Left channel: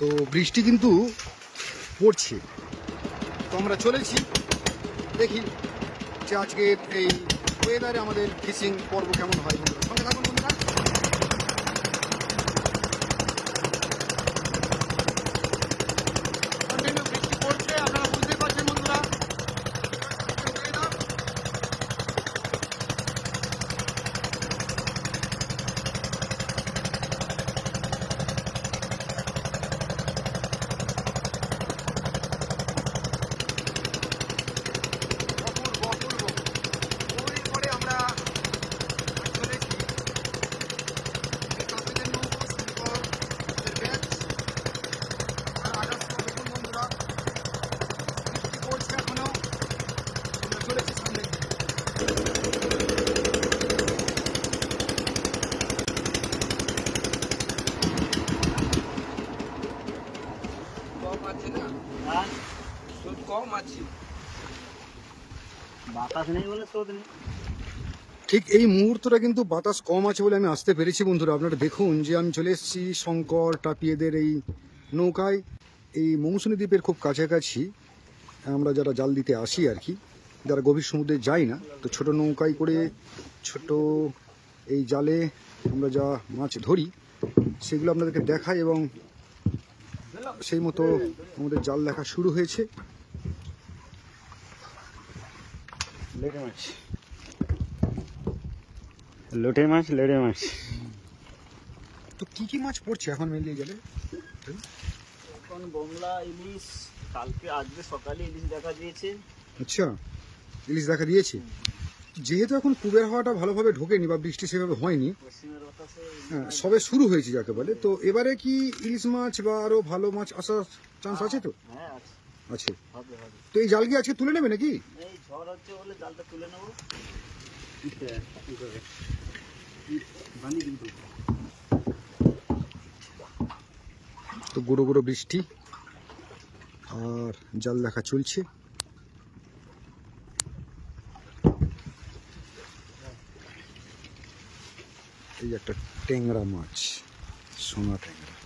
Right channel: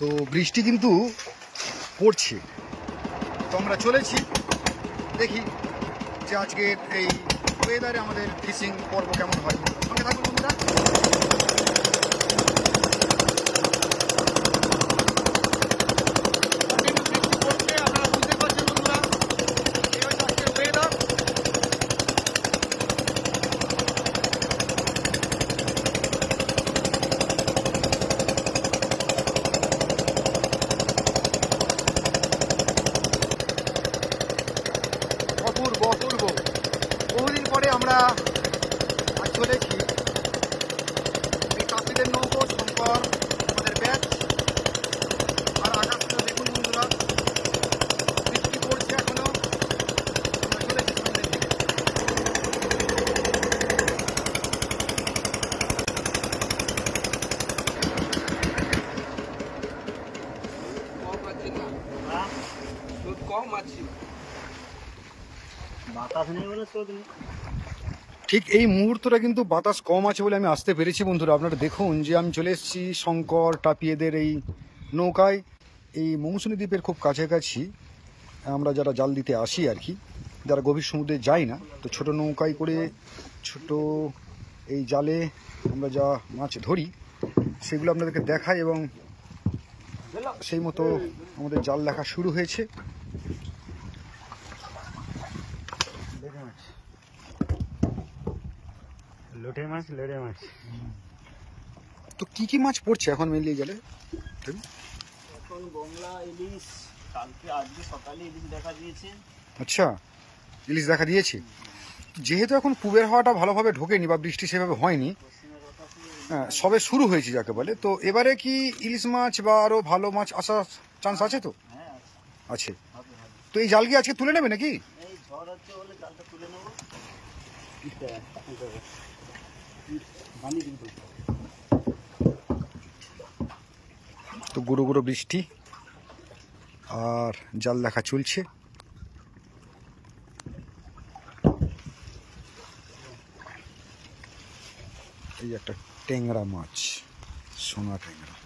তো বৃষ্টি কিন্তু পড়ছে, তো আমরা চলেছি দেখি যে আজকের এই ওয়েদারে আমাদের ফিশিং পর্ব কেমন হয়। বন্ধুরা সঙ্গে থাকুন বন্ধুরা। কন্টিনিউ বৃষ্টি পড়ছে, আপনারা বুঝতে পারছেন বন্ধুরা, এই হচ্ছে আজকের ওয়েদার। বহুদিন পরে আমরা চলেছি এই কাশিদের নৌকো শঙ্কর আমাদের ব্যাগ। আর আকাশটা দেখুন বন্ধুরা, বৃষ্টি পড়ছে এখনো, আমরা চলেছি সামনের দিকে। বাতাস নেই বলে তো নেই। ঠিক এই মুহূর্তটা কিন্তু বাতাস কম আছে বলে আমি আসতে পেরেছি বন্ধুরা। আপনারা দেখুন যে আমি চলে এসেছি শঙ্কর টাপিয়েদের এই নৌকায়। এই মৌসুমী দ্বীপের খুব কাছাকাছি আমরা যারা জাল দিতে আসি আর কি, যারা গভীর সমুদ্রে যাই না, তো ছোট নৌকায় করে ছোট এই জালে আমরা যা মাছ ধরি সেগুলো আপনাদেরকে দেখাই, এবং সেই মতো আমাদের জাল দেখা শুরু হয়েছে। লোটে মাছ, লেড়ে মাছ। তো কি কি মাছ পড়ছে এখন মিলিয়ে গেলে? এখন বমলা, ইলিশ, কালকে আজকে সকালে ইলিশ দেখা দিয়েছে। আচ্ছা, ইলিশ দেখা দিয়েছে। যেহেতু এখন পূবের হাওয়াটা ভালোভাবে ঢোকেনি বা বৃষ্টি সেভাবে হয়নি, হ্যাঁ সবে শুরু হয়েছে যাকে বলে, তো এবারে কি ইলিশ মাছ বা আরো ভালো মাছ আসার চান্স আছে? তো আছে। তো এই জাল কি আজকে তুলে নেবে নাকি? এই ঝড় হচ্ছে বলে জালটা তুলে নেবো। তো গুঁড়ো গুঁড়ো বৃষ্টি আর জাল দেখা চলছে। এই একটা ট্যাংরা মাছ, সোনা ট্যাংরা।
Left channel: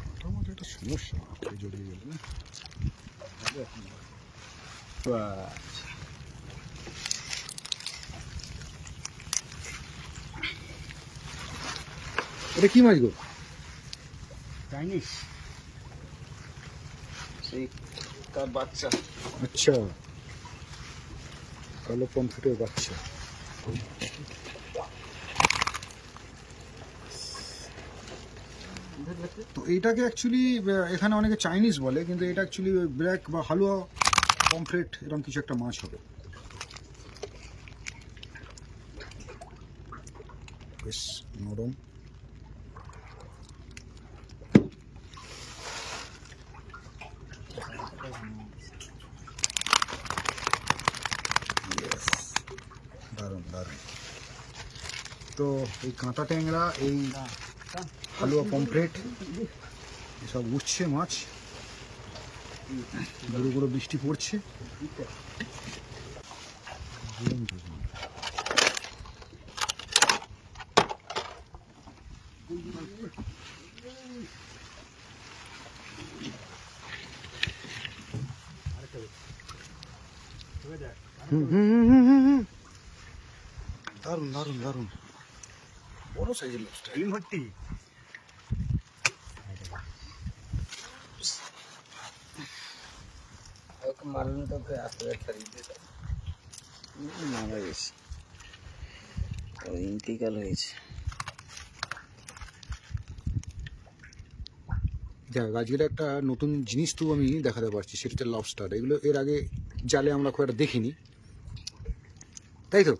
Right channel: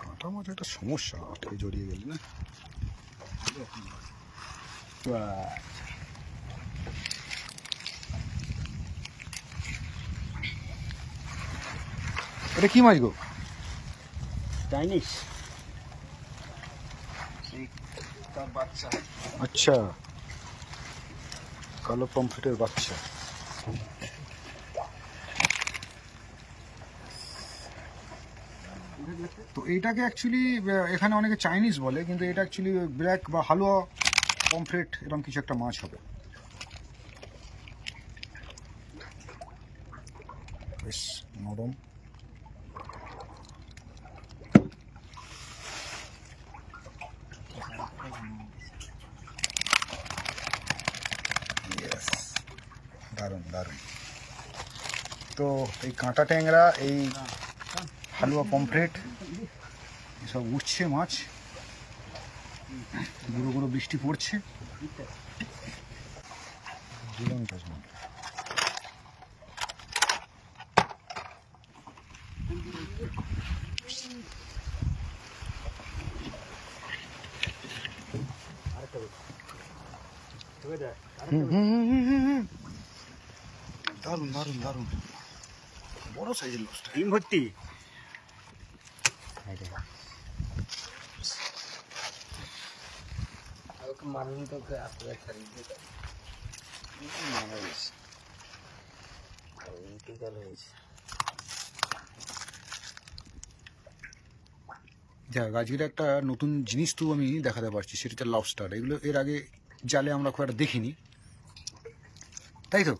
কাঁটা মাছ একটা সমস্যা, আটকে জড়িয়ে গেলে না। এটা কি মাছ গো? চাইনিজ বাচ্চা। আচ্ছা, কালো পমফ্রেটের বাচ্চা। তো এইটাকে অ্যাকচুয়ালি এখানে অনেকে চাইনিজ বলে, কিন্তু এটা অ্যাকচুয়ালি ব্ল্যাক বা হালুয়া পমফ্রেট এরকম কিছু একটা মাছ হবে। বেশ নরম। দারুণ দারুণ। তো এই কাঁটা ট্যাংরা, এই হালুয়া পমফ্রেট এসব উঠছে মাছ, গুঁড়ো গুঁড়ো বৃষ্টি পড়ছে। দারুণ দারুণ দারুণ, বড় সাইজের লবস্টার, ডিম ভর্তি। মারুন তোকে আসলে খরিদে ইন্টিকাল হয়েছে। দেখ আজকের একটা নতুন জিনিস তো আমি দেখাতে পারছি, সেটা হচ্ছে লবস্টার। এগুলো এর আগে জালে আমরা খুব একটা দেখিনি, তাই তো?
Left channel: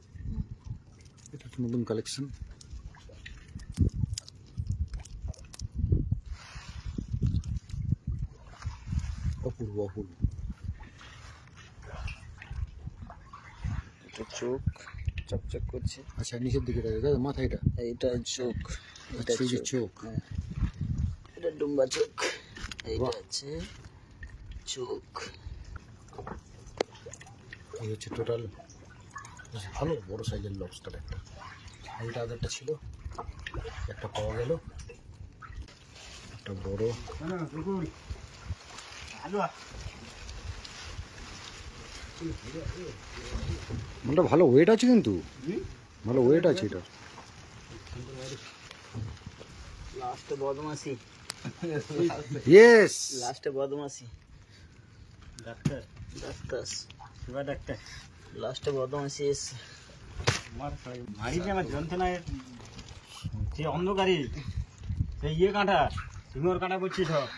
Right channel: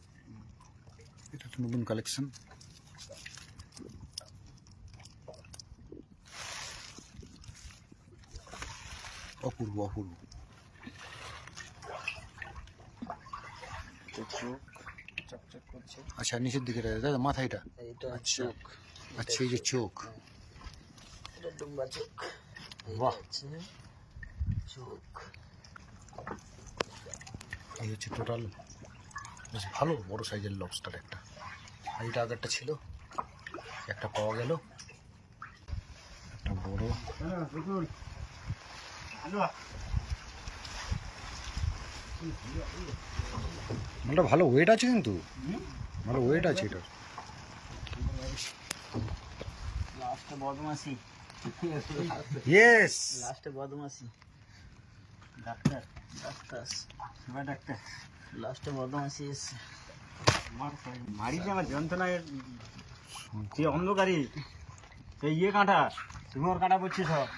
এটা একটা নতুন কালেকশন। অপূর্ব অপূর্ব। চোখ চকচক করছে। আচ্ছা, নিচের দিকে দাদা মাথা, এটা এইটা চোখ। আচ্ছা, এই যে চোখ, এটা ডুম্বা চোখ। এইটা আছে চোখ। এই হচ্ছে টোটাল বেশ ভালো বড় সাইজের লবস্টার একটা। আর এটা আগেরটা ছিল, একটা পাওয়া গেল, একটা বড়। মালটা ভালো ওয়েট আছে, কিন্তু ভালো ওয়েট আছে এটা। লাস্টে বদমাসি, ইয়েস, লাস্টে বদমাসি। ডাক্তার ডাক্তার শিবা ডাক্তার লাস্টে বদমাসি এসছে। মারি যে আমার যন্ত্রণায় যে অন্ধকারে সেই ইয়ে কাঁটা সিংহর কাঁটা পড়ছে সব।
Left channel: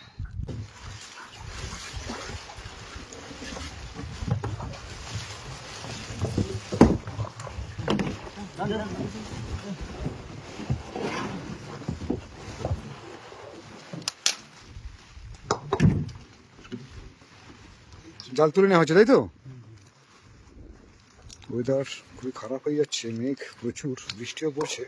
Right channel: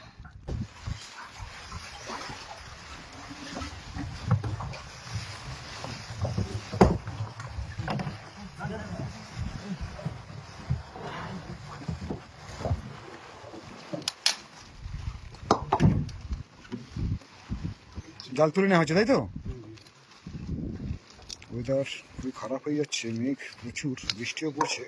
জাল তুলে নেওয়া হচ্ছে, তাই তো? ওয়েদার খুবই খারাপ হয়ে যাচ্ছে, মেঘ প্রচুর, বৃষ্টিও পড়ছে।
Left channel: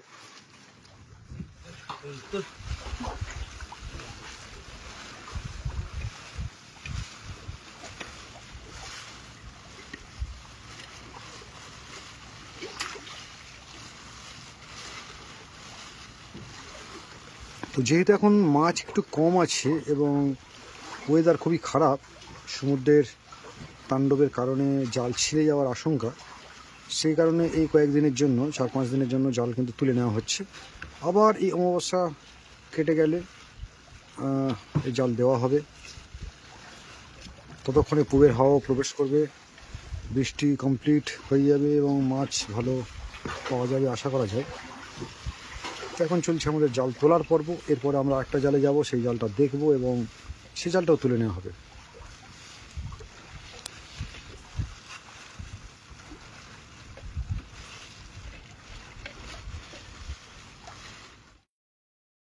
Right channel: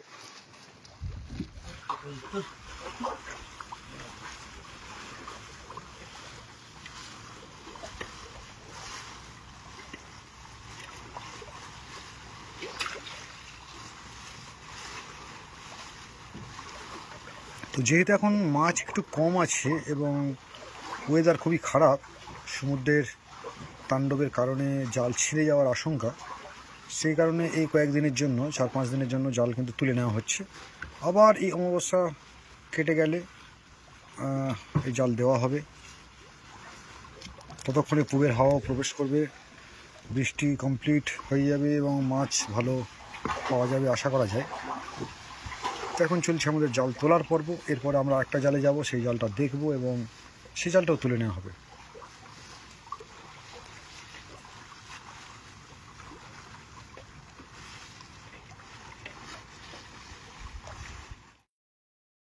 তো যেহেতু এখন মাছ একটু কম আছে এবং ওয়েদার খুবই খারাপ, সমুদ্রের তাণ্ডবের কারণে জাল ছিঁড়ে যাওয়ার আশঙ্কা, সেই কারণে এই কয়েকদিনের জন্য 4-5 দিনের জন্য জাল কিন্তু তুলে নেওয়া হচ্ছে। আবার এই অমাবস্যা কেটে গেলে এই জাল দেওয়া হবে। ততক্ষণে পূবের হাওয়া প্রবেশ করবে, বৃষ্টি কমপ্লিট হয়ে যাবে এবং মাছ ভালো পাওয়া যাবে আশা করা যায়। তো এখন চলছে আমাদের জাল তোলার পর্ব। এরপরে আমরা একটা জালে যাব, সেই জালটা দেখব এবং সেই জালটাও তুলে নেওয়া হবে।